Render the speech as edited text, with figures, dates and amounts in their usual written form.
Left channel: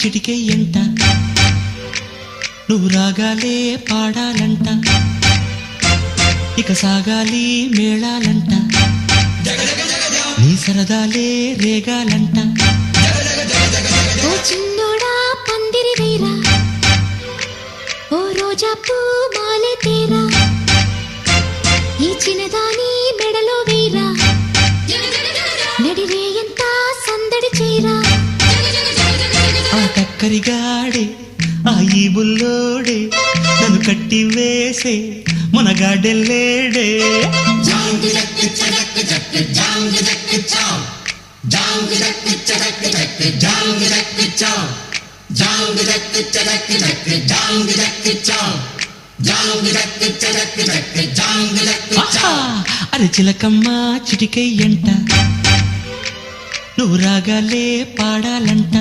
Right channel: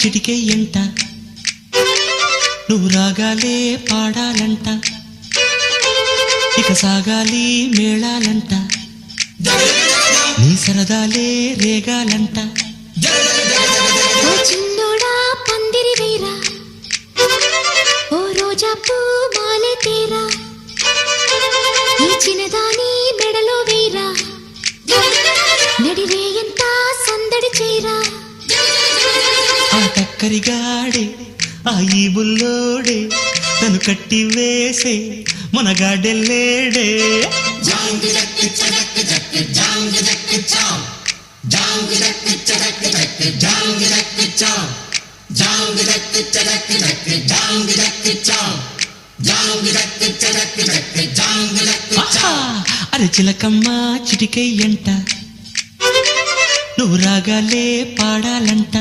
చిటికెయ్యంట నువ్వు రాగాలే పాడాలంట ఇక సాగాలి మేళాలంట నీ సరదాలే రేగాలంట ఓ చిన్నోడా పందిరి వేరా ఓ రోజా పూ మాలే తేరా ఈ చిన్నదాని మెడలో వేరా నడిరే ఎంత సందడి చేరా ఆ టక్కరిగాడే ఆ ఈ బుల్లోడే నన్ను కట్టి వేసే మునగాడెల్లేడే అరే చిలకమ్మ చిటికెయ్యంట నువ్వు రాగాలే పాడాలంట